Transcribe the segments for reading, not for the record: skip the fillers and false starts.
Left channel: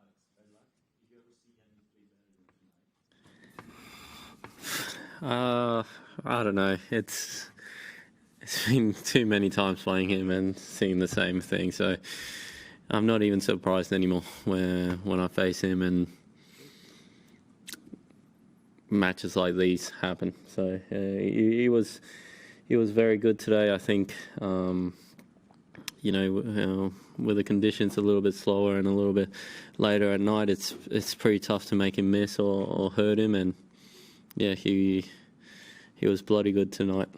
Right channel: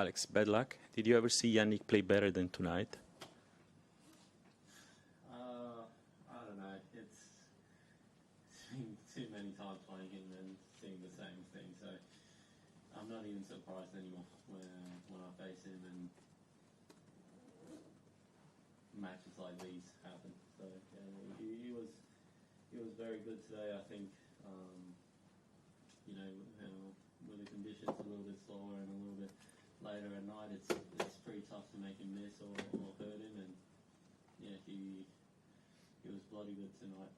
Alex, bad luck. Did you ever see Jannik play better than tonight? I don't know. It's been too many times playing him and seeing the same thing. So I'm not even surprised anymore when I face him and matches like these happen. So he was very good today. I think with the conditions a little bit slower and a little bit later at night, it's pretty tough to make him miss or hurt him. And yeah, he was bloody good tonight.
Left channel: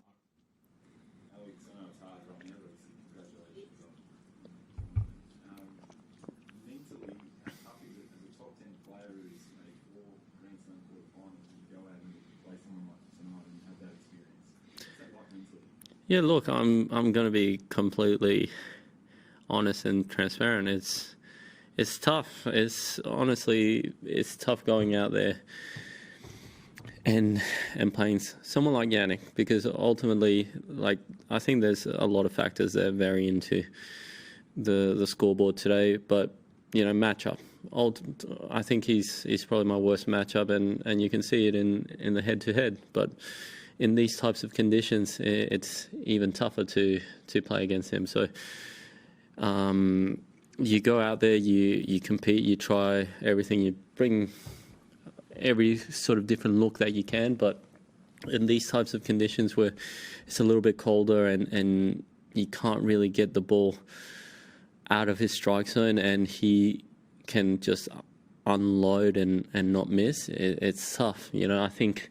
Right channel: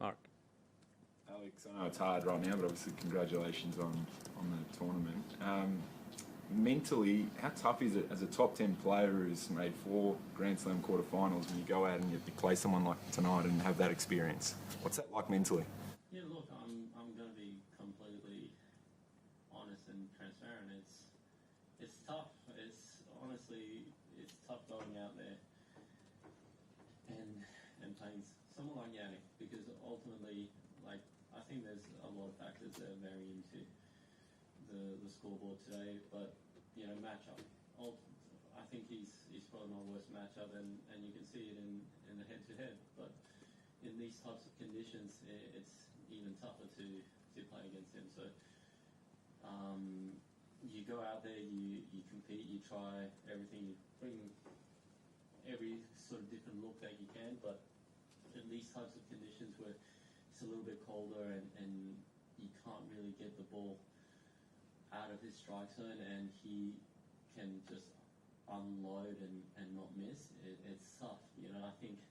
Mark. Alex, I know it's hard right now, but obviously congratulations on the tournament. Mentally, how tough is it as a top 10 player who's made 4 Grand Slam quarterfinals when you go out and you play someone like tonight and have that experience? What's that like mentally? Yeah, look, I'm going to be completely honest and transparent. It's tough. It's tough going out there and playing someone like Jannik, because ultimately, like, I think there's a lot of factors that vary into the scoreboard today, but matchup. I think he's probably my worst matchup, and you can see it in the head-to-head. But in these types of conditions, it's even tougher to play against him. So you go out there, you compete, you try everything, you bring every sort of different look that you can. But in these types of conditions where it's a little bit colder and you can't really get the ball out of his strike zone, and he can just unload and not miss, it's tough. I think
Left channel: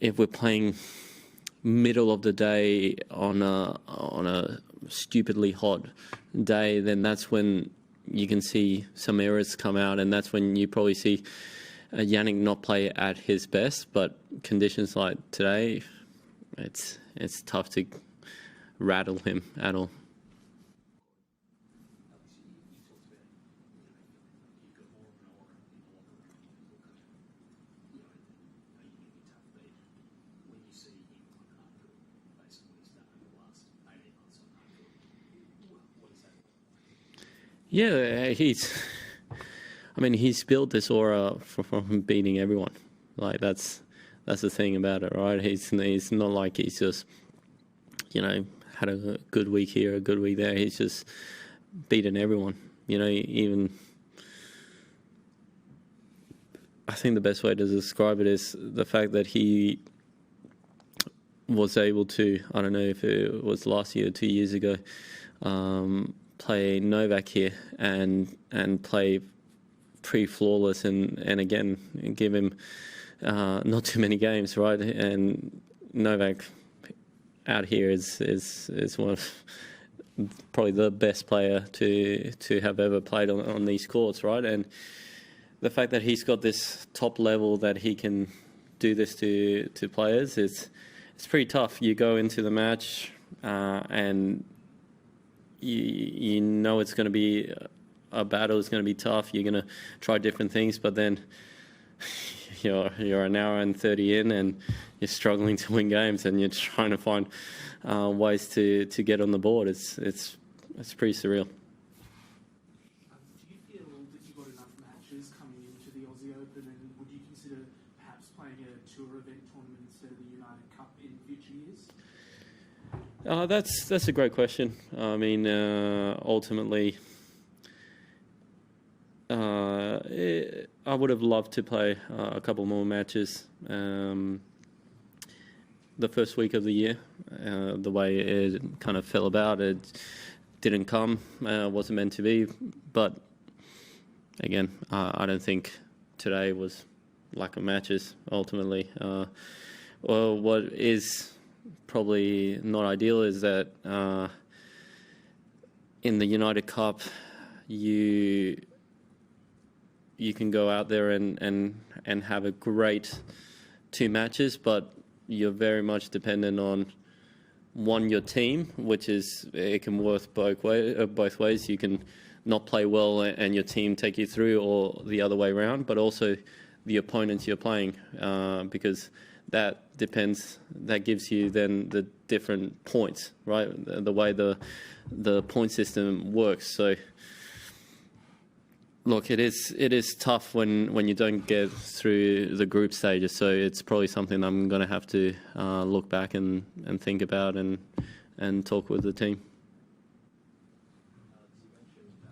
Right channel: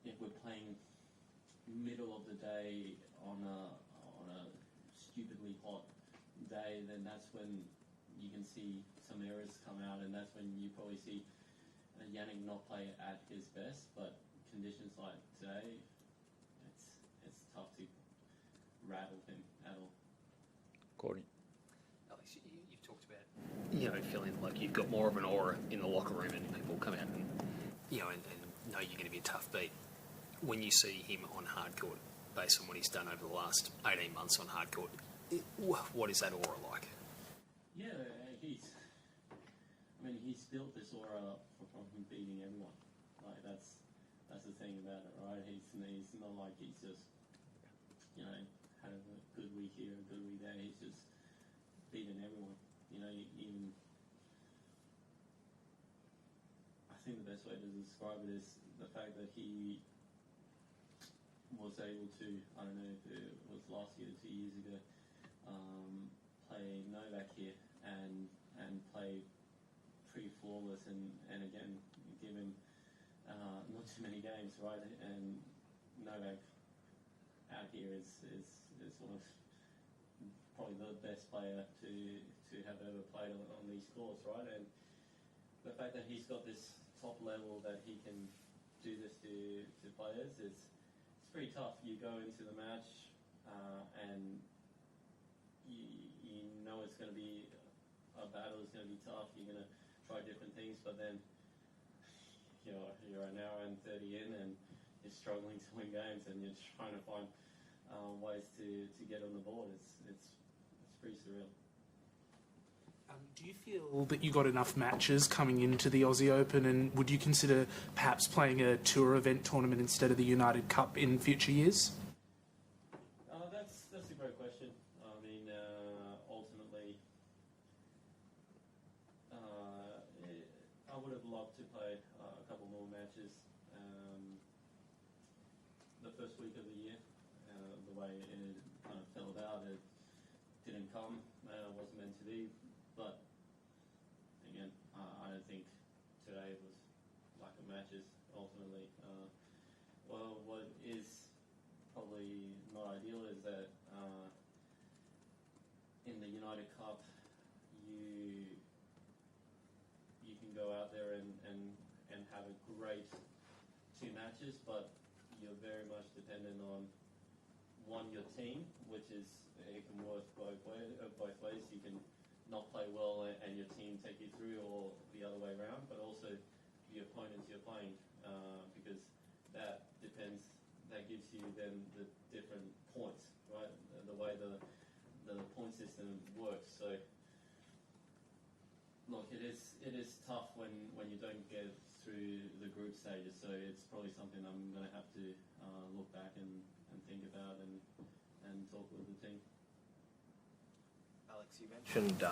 if we're playing middle of the day on a stupidly hot day, then that's when you can see some errors come out, and that's when you probably see Jannik not play at his best. But conditions like today, it's tough to rattle him at all. Feeling like you've got more of an aura in the locker room and people come out and know you're going to be a tough beat. When you see him on hardcourt, based on what he's done over the last 18 months on hardcourt, what is that aura like? Yeah, he's built this aura from beating everyone. Like that's the thing about it, right? He's not like he's just had a good week here, a good week there. He's just beaten everyone. Even I think the best way to describe it is the fact that he was able to, I don't know if it was last year or 2 years ago, play Novak here and play pretty flawless and again give him not too many games, right? And Novak out here is one of probably the best player to have ever played on these courts, right? And the fact that he's got this top level that he can do this to players, it's pretty tough. You go into the match and you know it's going to be a battle. It's going to be tough. You're going to try different things, but then you're an hour and 30 in and you're struggling to win games and you're trying to find ways to get on the board. It's pretty surreal. Do you feel that you got enough matches coming into the Aussie Open, and would you consider perhaps playing a tour event tournament instead of the United Cup in future years? That's a great question. Ultimately, I would have loved to play a couple more matches. The first week of the year, the way it kind of fell about, it didn't come, wasn't meant to be. But again, I don't think today was lack of matches ultimately. Well, what is probably not ideal is that in the United Cup, you can go out there and have a great 2 matches, but you're very much dependent on your team, which is, it can work both ways. You can not play well and your team take you through, or the other way around, but also the opponents you're playing, because that gives you then the different points, right? The way the point system works. So look, it is tough when you don't get through the group stages. So it's probably something I'm going to have to look back and think about and talk with the team. Alex, you mentioned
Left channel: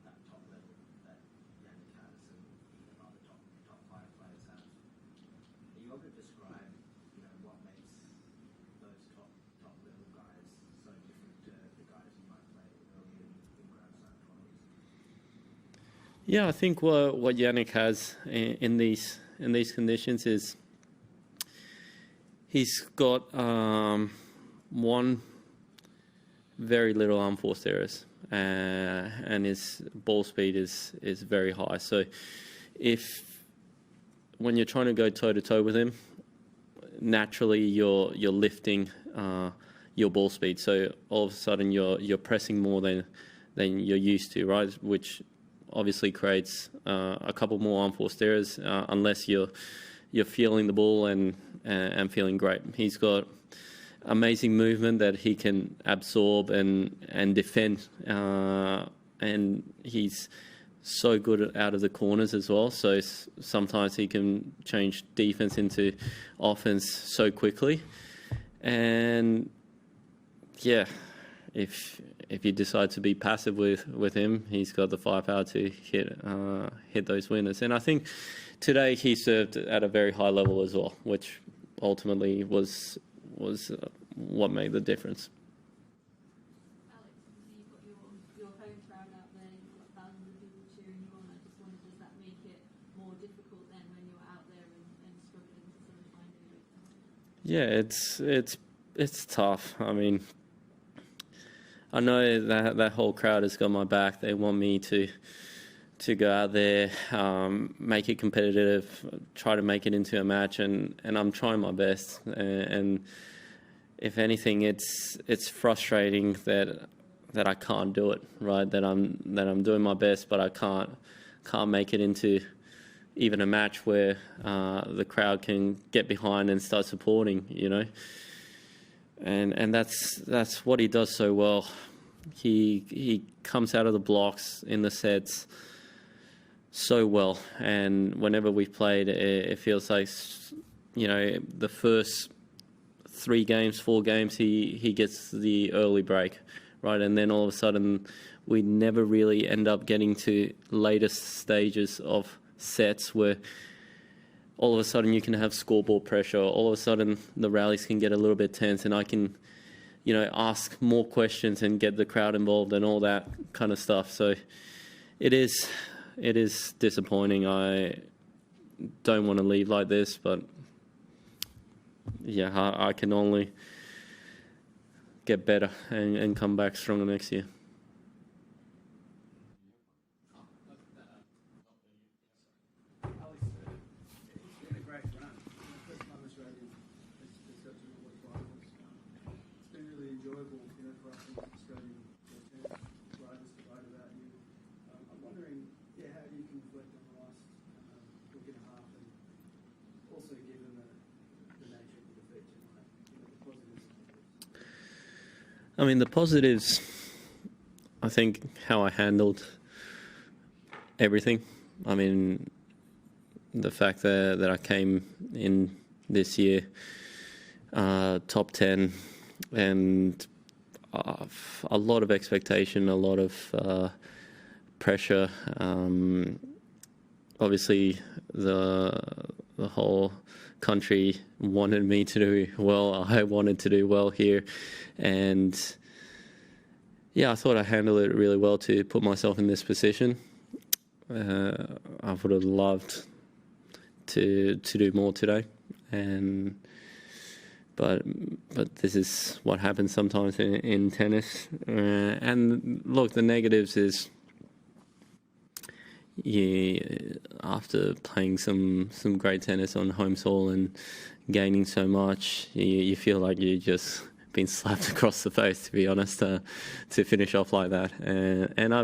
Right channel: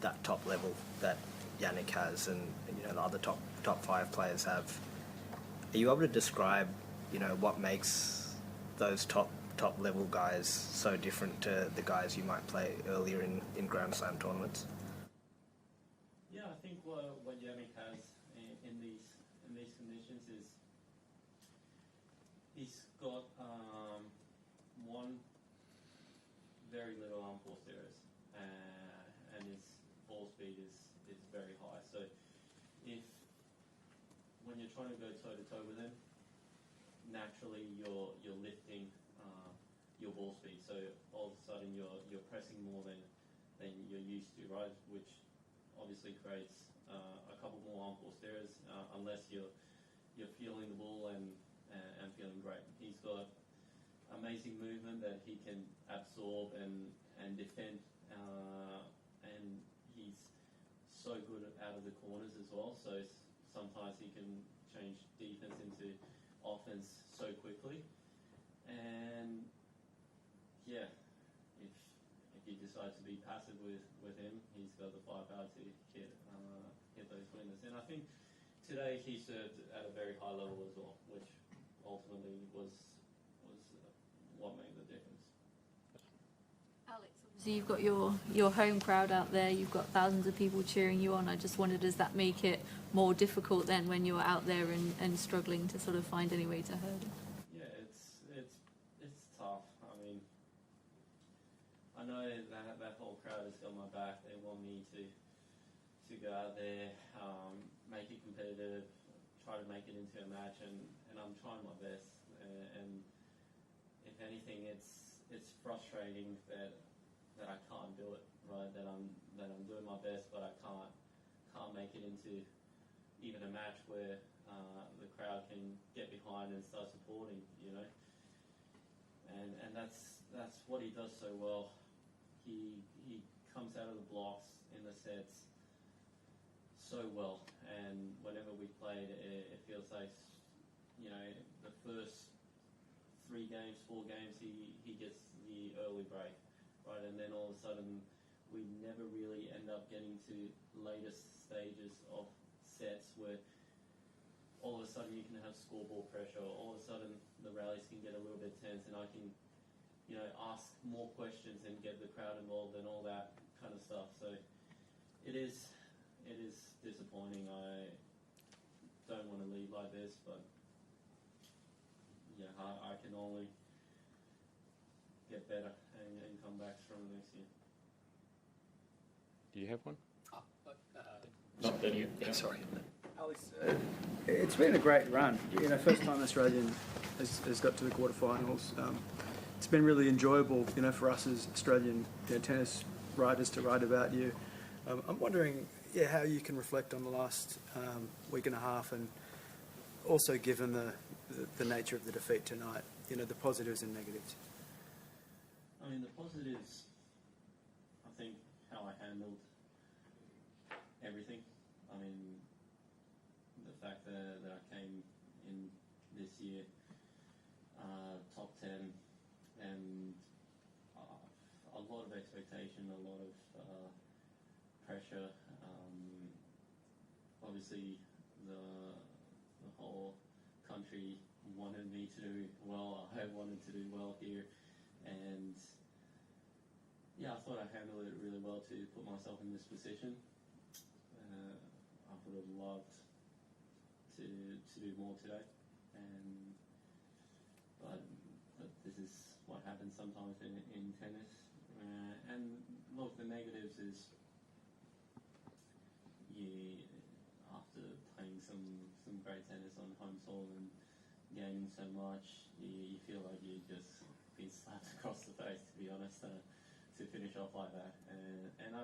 that top level that Jannik has, and the other top 5 players have. Are you able to describe, what makes those top level guys so different to the guys you might play earlier in Grand Slam tournaments? Yeah, I think what Jannik has in these conditions is he's got one very little unforced errors, and his ball speed is very high. So when you're trying to go toe to toe with him, naturally you're lifting your ball speed. So all of a sudden you're pressing more than you're used to, right? Which obviously creates a couple more unforced errors unless you're feeling the ball and feeling great. He's got amazing movement that he can absorb and defend, and he's so good out of the corners as well. So sometimes he can change defense into offense so quickly. And yeah, if you decide to be passive with him, he's got the firepower to hit those winners. And I think today he served at a very high level as well, which ultimately was what made the difference. Alex, obviously you've got your home crowd out there. You've got thousands of people cheering you on. I just wondered, does that make it more difficult then when you're out there and struggling to sort of find any way to hurdle? Yeah, it's tough. I mean, I know that whole crowd has got my back. They want me to go out there, make it competitive, try to make it into a match, and I'm trying my best. And if anything, it's frustrating that I can't do it, right? That I'm doing my best, but I can't make it into even a match where the crowd can get behind and start supporting, And that's what he does so well. He comes out of the blocks in the sets so well, and whenever we've played, it feels like the first 3 games, 4 games, he gets the early break, right? And then all of a sudden, we never really end up getting to later stages of sets where all of a sudden you can have scoreboard pressure. All of a sudden the rallies can get a little bit tense, and I can, ask more questions and get the crowd involved and all that kind of stuff. So it is disappointing. I don't want to leave like this, but yeah, I can only get better and come back stronger next year. Do you have one? Sorry. Alex, it's been a great run. First time Australian has got to the quarterfinals. It's been really enjoyable, for us as Australian tennis writers to write about you. I'm wondering, how you can reflect on the last week and a half, and also given the nature of the defeat tonight, the positives and negatives. I mean, the positives, I think how I handled everything. I mean, the fact that I came in this year top 10, and a lot of expectation, a lot of pressure. Obviously, the whole country wanted me to do well. I wanted to do well here, and yeah, I thought I handled it really well to put myself in this position. I would have loved to do more today, but this is what happens sometimes in tennis. And look, the negatives is, after playing some great tennis on home soil and gaining so much, you feel like you just been slapped across the face, to be honest, to finish off like that. And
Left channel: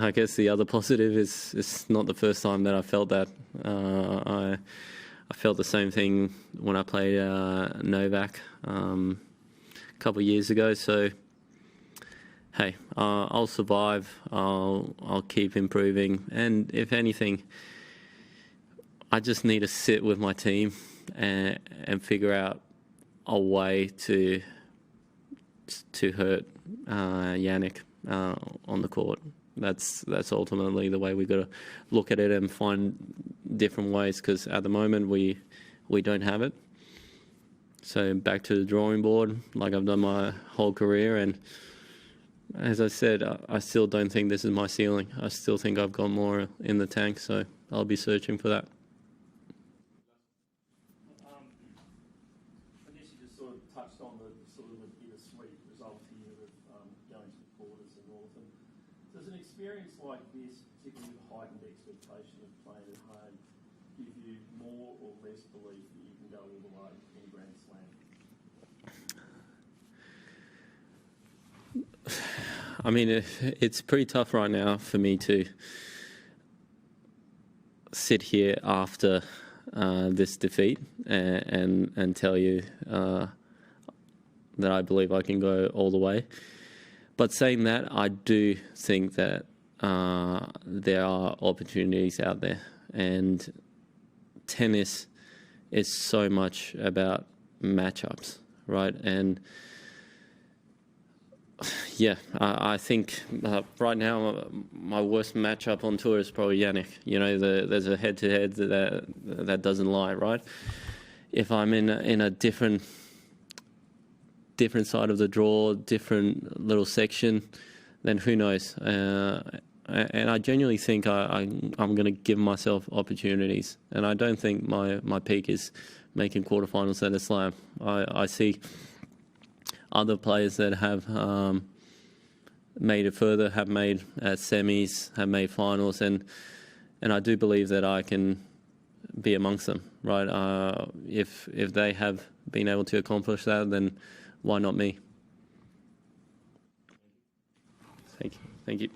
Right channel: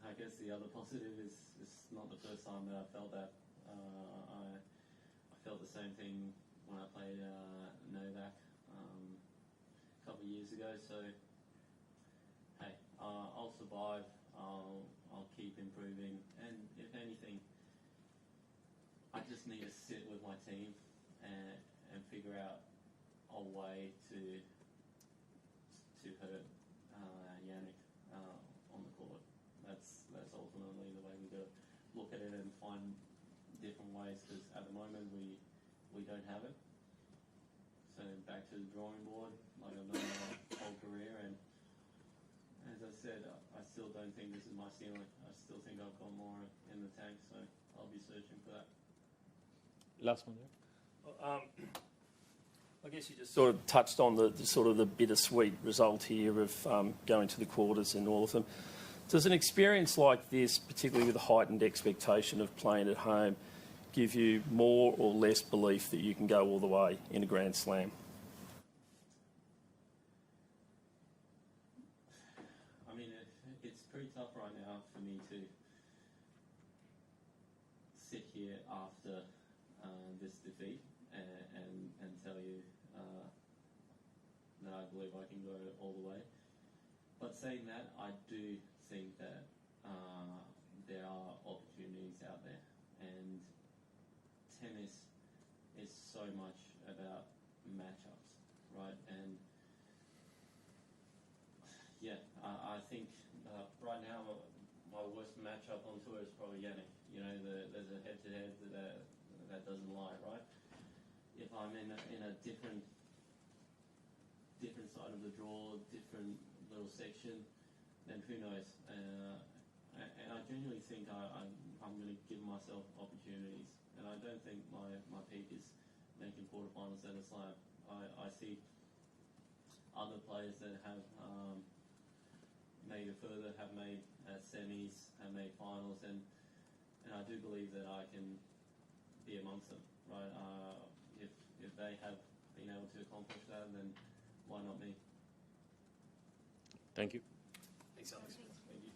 I guess the other positive is it's not the first time that I felt that. I felt the same thing when I played Novak a couple of years ago. So hey, I'll survive. I'll keep improving, and if anything, I just need to sit with my team and figure out a way to hurt Jannik on the court. That's ultimately the way we've got to look at it and find different ways, because at the moment we don't have it. So back to the drawing board, like I've done my whole career, and as I said, I still don't think this is my ceiling. I still think I've got more in the tank, so I'll be searching for that. Last one. I guess you just sort of touched on the sort of the bittersweet result here of going to the quarters in all of them. Does an experience like this, particularly with a heightened expectation of playing at home, give you more or less belief that you can go all the way in a Grand Slam? I mean, it's pretty tough right now for me to sit here after this defeat and tell you that I believe I can go all the way. But saying that, I do think that there are opportunities out there, and tennis is so much about matchups, right? And yeah, I think right now my worst matchup on tour is probably Jannik. You know, there's a head-to-head that doesn't lie, right? If I'm in a different side of the draw, different little section, then who knows? And I genuinely think I'm going to give myself opportunities. And I don't think my peak is making quarterfinals at a slam. I see other players that have made it further, have made semis, have made finals, and I do believe that I can be amongst them, right? If they have been able to accomplish that, then why not me? Thank you. Thank you.